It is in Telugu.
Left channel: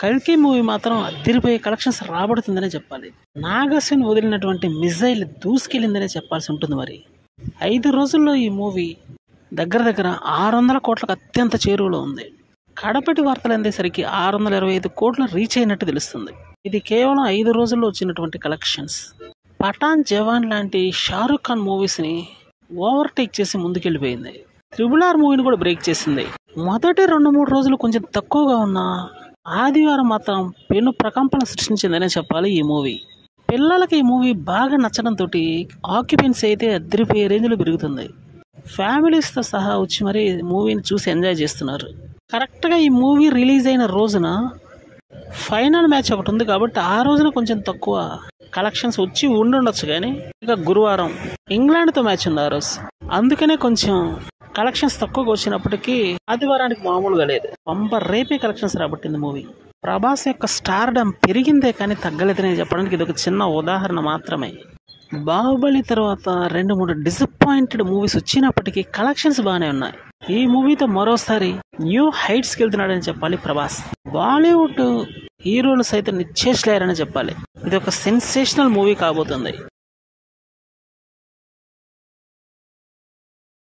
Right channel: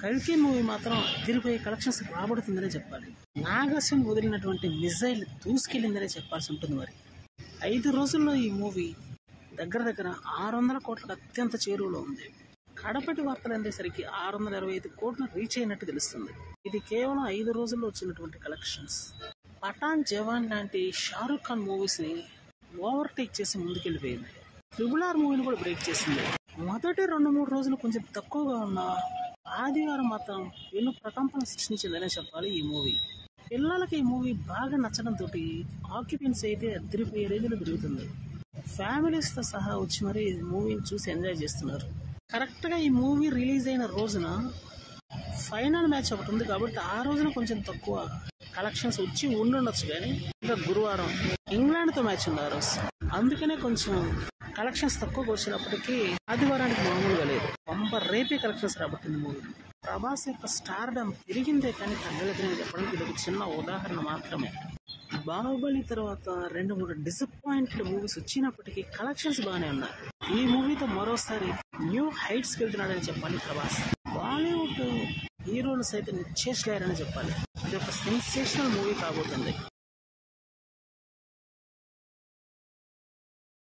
కల్కి మూవీ మాత్రం అదిరిపోయే కలెక్షన్స్ రాబడుతుందనే చెప్పాలి. నాగసేన్ వదిలినటువంటి మిజైల్ దూసుకెళ్ళిందనే చెప్పాల్సి ఉంటుంది. మరి 5 రోజుల్లో ఈ మూవీ దగ్గర దగ్గర 600 కోట్లకు అత్యంత చేరువలో ఉంది. కడపటి వార్తలు అందేసరికి 625 కోట్లు రీచ్ అయినట్టు తెలుస్తుంది. ఇది కేవలం 5 రోజుల్లో వచ్చినటువంటి కలెక్షన్స్. పఠాన్, జవాన్ లాంటి షారుఖ్ ఖాన్ మూవీస్ని ఓవర్టేక్ చేసి ముందుకెళ్ళిపోయింది. RRR మూవీని కూడా బ్రేక్ చేసింది. మొదటి 2-3 రోజులు కొంచెం తక్కువగా ఉన్న ఆదివారం మాత్రం పెను ప్రకంపన సృష్టించిందనే చెప్పాలి ఈ మూవీ. పిల్లలకి ఈ మూవీ బాగా నచ్చడంతో ఆక్యుపెన్సీ అయితే అదిరిపోయే రేంజ్లో పెరుగుతుంది. ఫ్యామిలీస్తో సహా వచ్చి మరి మూవీని చూసి ఎంజాయ్ చేస్తున్నారు. కరెక్ట్గా ఈ మూవీ రిలీజ్ అయిన రోజున ఫైనల్ మ్యాచ్ ఒకటి ఉంది కాబట్టి ఆ రోజున కొంచెం తక్కువ కలెక్షన్స్ వచ్చి ఉండుండొచ్చు. కానీ ఇంకా గురువారం ఇంగ్లాండ్తో మ్యాచ్ ఉంది ఆ రోజు, అందుకనే కొంచెం కలెక్షన్స్ తక్కువగా వచ్చినప్పటికీ ఆదివారానికి మామూలుగా లేదు. రేపే కలెక్షన్స్ రాబట్టింది మూవీ. ప్రభాస్ యొక్క స్టార్డమ్ పెరిగిందే కానీ తగ్గలేదని చెప్పడానికి ఇది ఒక చిన్న ఉదాహరణ మాత్రమే. బాహుబలి తర్వాత 2-3 డిసప్పాయింటెడ్ మూవీస్ వచ్చినప్పటికీ కలెక్షన్స్ బాగానే ఉన్నాయి. ఈ మూవీతో మరోసారి న్యూ హైట్స్కి వెళ్తున్నాడని చెప్పాలి ప్రభాస్. బాలీవుడ్ హీరోలు సైతం నిశ్చేష్లేరని చెప్పాలి. ఇది ఒక సెన్సేషనల్ మూవీ కాబోతుంది.